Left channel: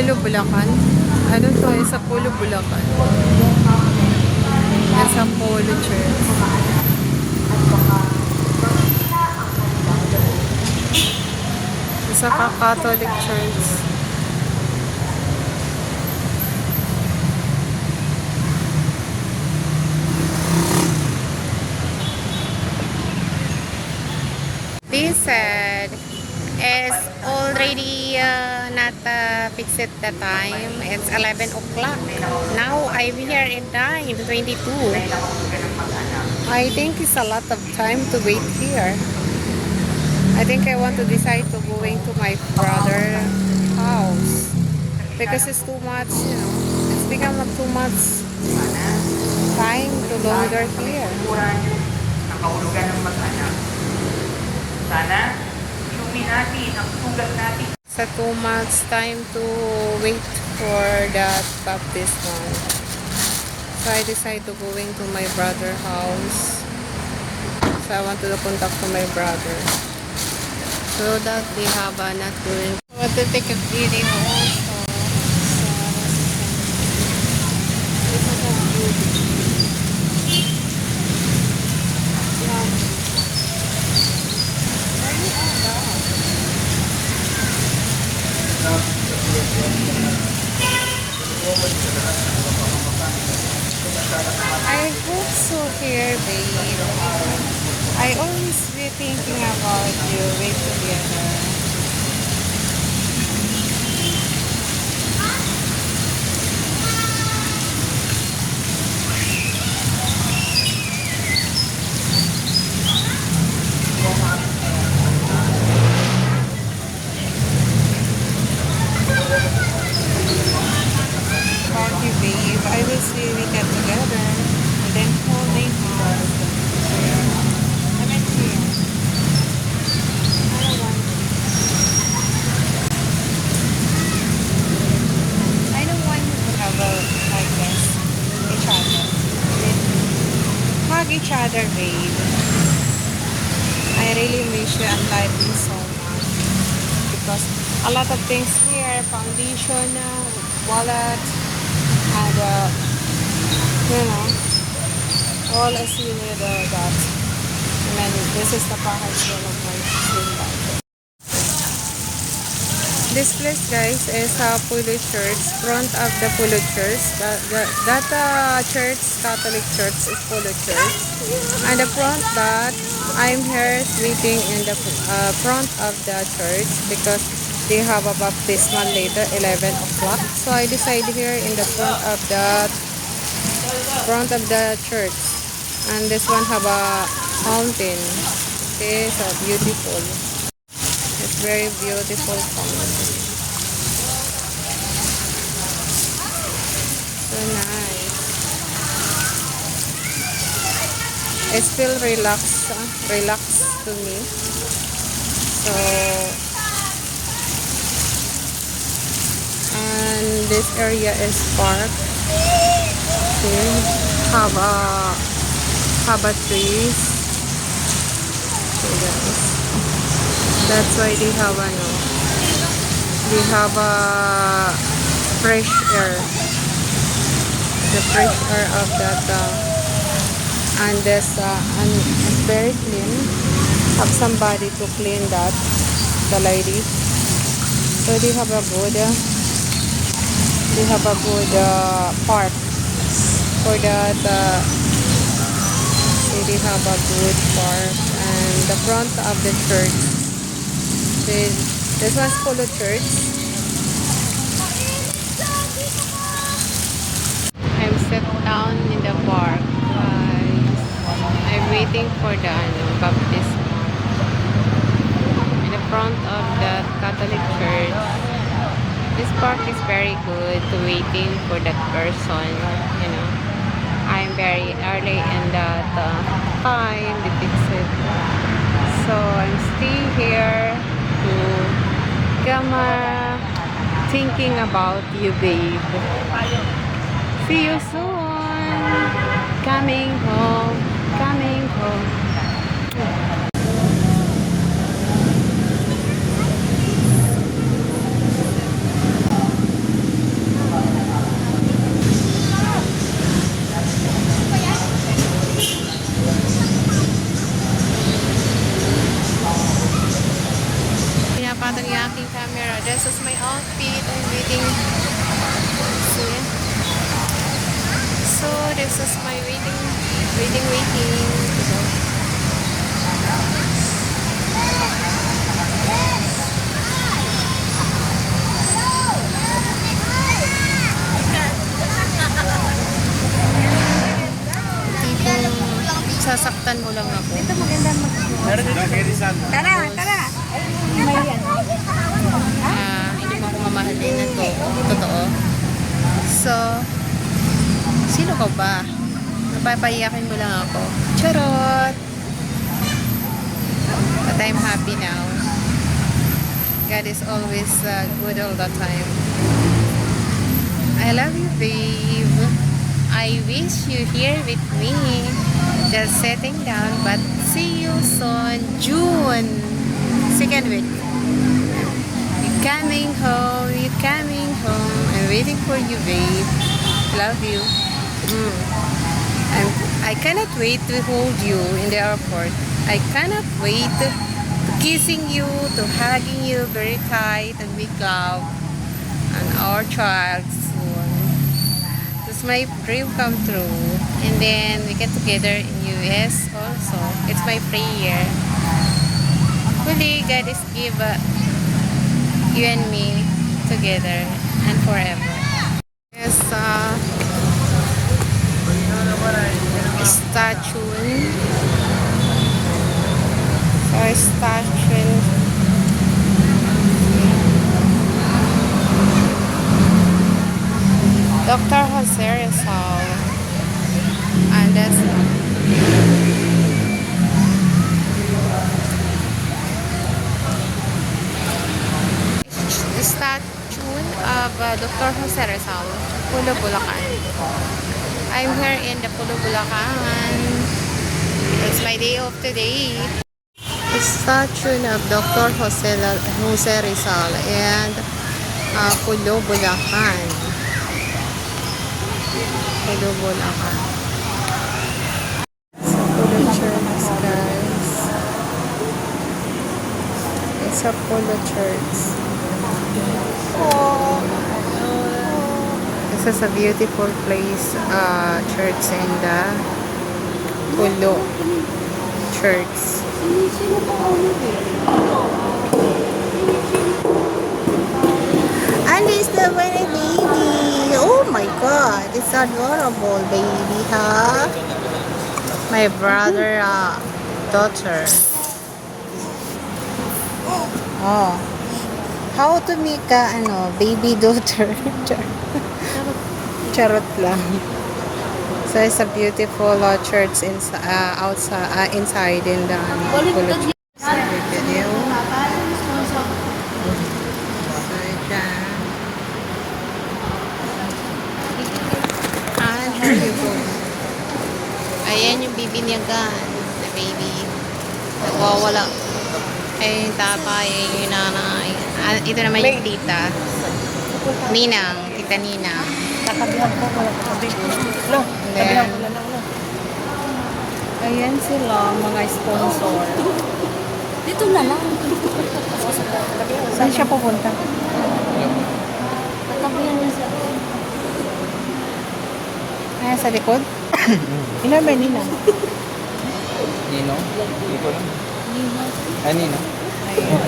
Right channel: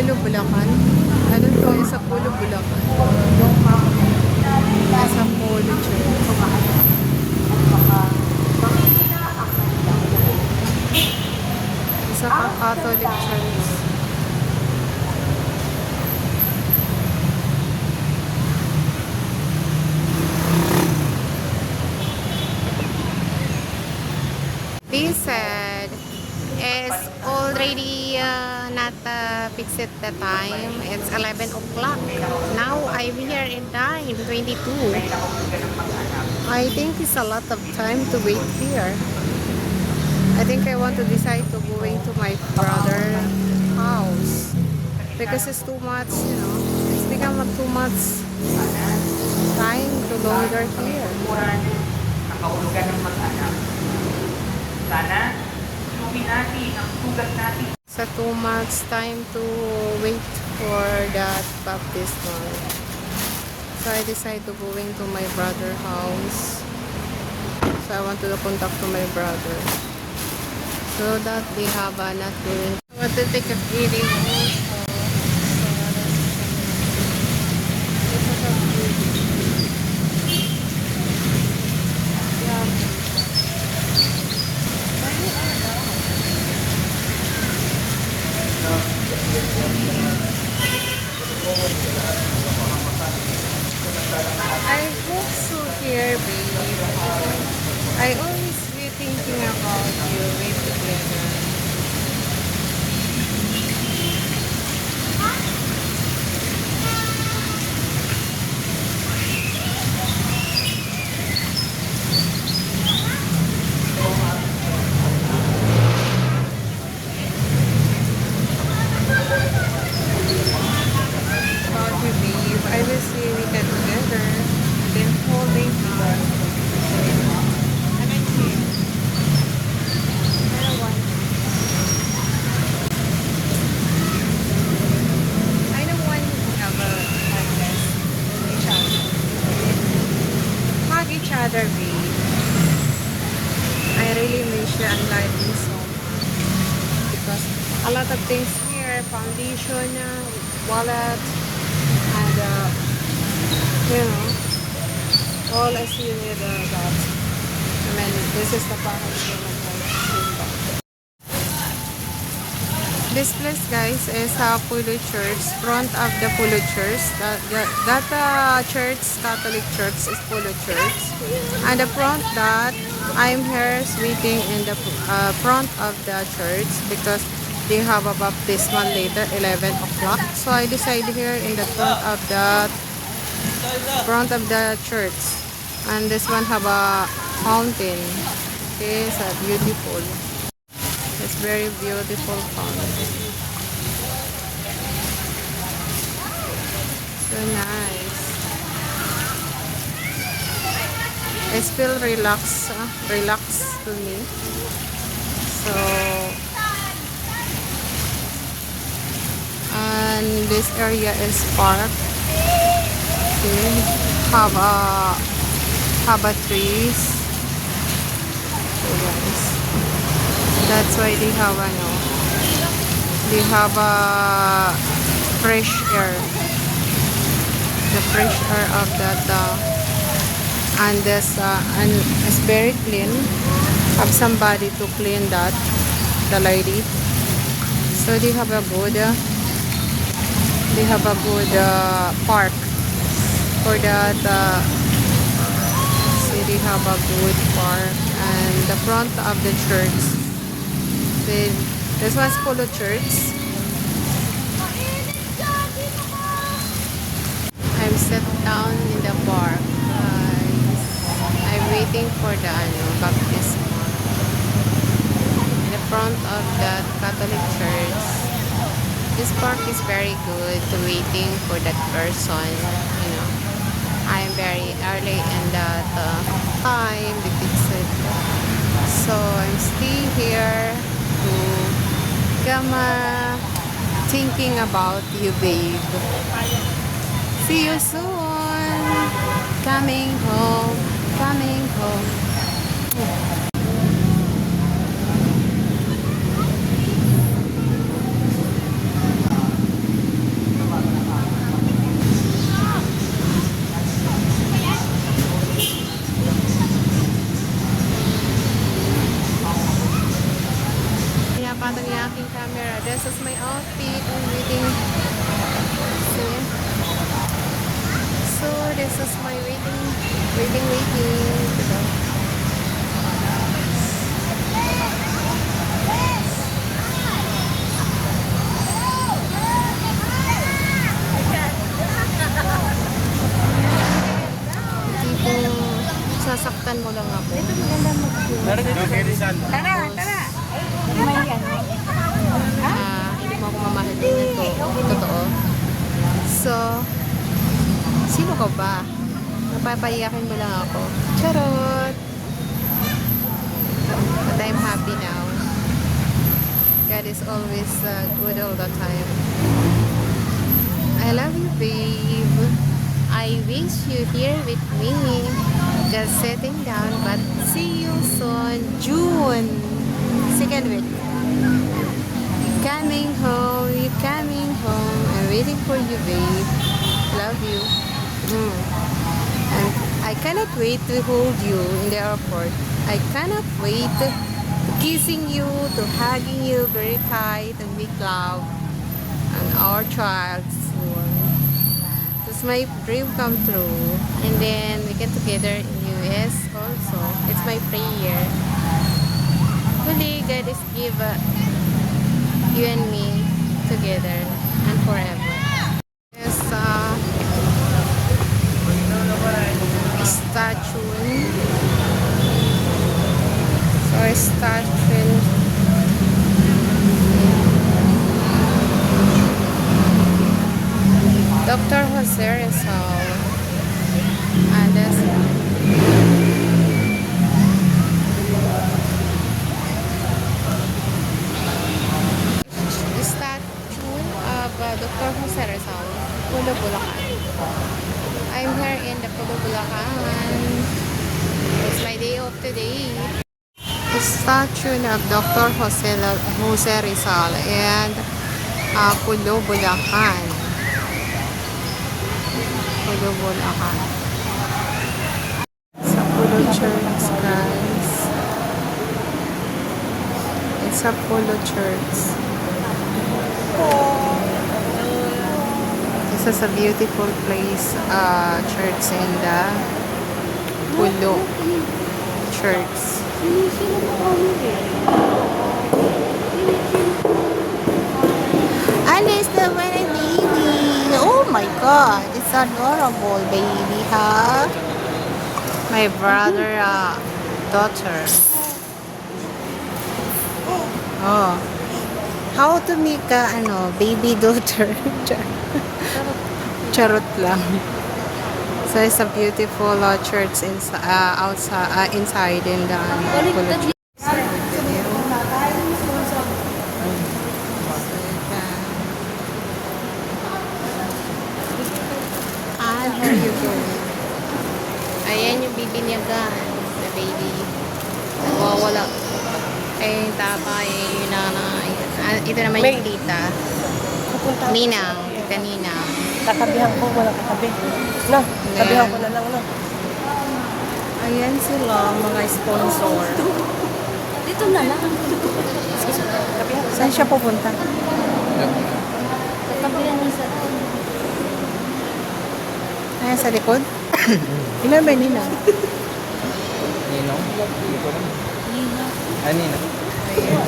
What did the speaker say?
Polo, Bulacan. Anong to? Sa Polo, Bulacan. Nasa Polo Church. Isa ka Catholic Church. This is already not fixed at the time. It's 11 o'clock. Now I'm here in time 22. I think it's a lot of time to wait here. I think I want to decide to going to my brother's house because it's too much, you know. It's become too much time to longer here. Nakahulugan ng mag-anak. Sana, inumin natin ang sugat natin. Sa too much time to wait for that baptism. So I decided to going to my brother's house. So I want to contact to my brother. So that we have not doing. I want to take a video also. I hope so here, baby. I always be thinking about you with together. About you, babe. I will see we get together. And then holding hands. I like you. I want you. I don't want to have a like this with each other. Hug each other, babe. I really miss you and like you so much. Because a lot of things here, foundation, wallet, and you know, all as you need that. I mean, this is the package of my sister. This place, guys, is Polo Church. Front of the Polo Church. That church, Catholic Church, is Polo Church. And the front that I'm here is waiting in the front of the church because they have a baptismal later, 11 o'clock. So I decided here in the front of the church. And this one have a fountain. Okay, so beautiful. It's very beautiful fountain. So nice. It feel relax to me. So, and this area is park. Okay, have a trees. So guys, that's why they have a fresh air. The fresh air of that and this and it's very clean. Have somebody to clean that, the lady. So they have a good park for that. See, they have a good park and the front of the church. See, this one's Polo Church. I've settled down in the park. I'm waiting for the baptism. In the front of the Catholic Church. This park is very good to waiting for that person. You know, I'm very early in that time to fix it. So I'm still here to come thinking about you, babe. See you soon. Coming home. Coming home. lang ako. Tara, tara. Hindi mo ako mamahal din ito. Totoo. So, sino ka ba? Papaiyakin mo lang ako. Charot! But I'm happy now. God is always good all the time. I love you, babe. I wish you here with me. Just sitting down, but see you soon. June. Second week. You're coming home. You're coming home. I'm waiting for you, babe. Love you. I cannot wait to hold you in the airport. I cannot wait to kissing you, to hugging you very tight and big love. And our child soon. It's my dream come true. And then we get together in US also. It's my prayer. Hopefully God is give you and me together and forever. Yes, statue. Or statue. Dr. Jose Rizal. And the statue of Dr. Jose Rizal, Pulo, Bulacan. I'm here in the Pulo, Bulacan. It's my day off today. The statue of Dr. Jose Rizal and Pulo, Bulacan. Pulo, Bulacan. Sa Pulo Church, guys. It's a Pulo Church. This is a beautiful place, church in the Pulo Church. And it's the very baby. Oh my God, it's adorable baby, huh? My brother, daughter. Oh. How to make a, baby daughter? Charot lang. So it's a beautiful church outside, inside in the Pulo Church. Video. So, dyan. And here you go. Ayan yung bibinyagan. The baby. Nagwawala. Ay, yung tatay, yung nanay. Ito naman yung tita. Ninang. Tita Ninang. Kakabihan ko, wala kakabi. No, kabihan ko na lang, no. Ayan sila, mga sponsor. Dito na lang. Saan siya pupunta? Kakabihan niya sa... Ayan sa likod? Ilan ba Ninang? Ninong? Hindi ko alam. Nina. Ninong? Ayan.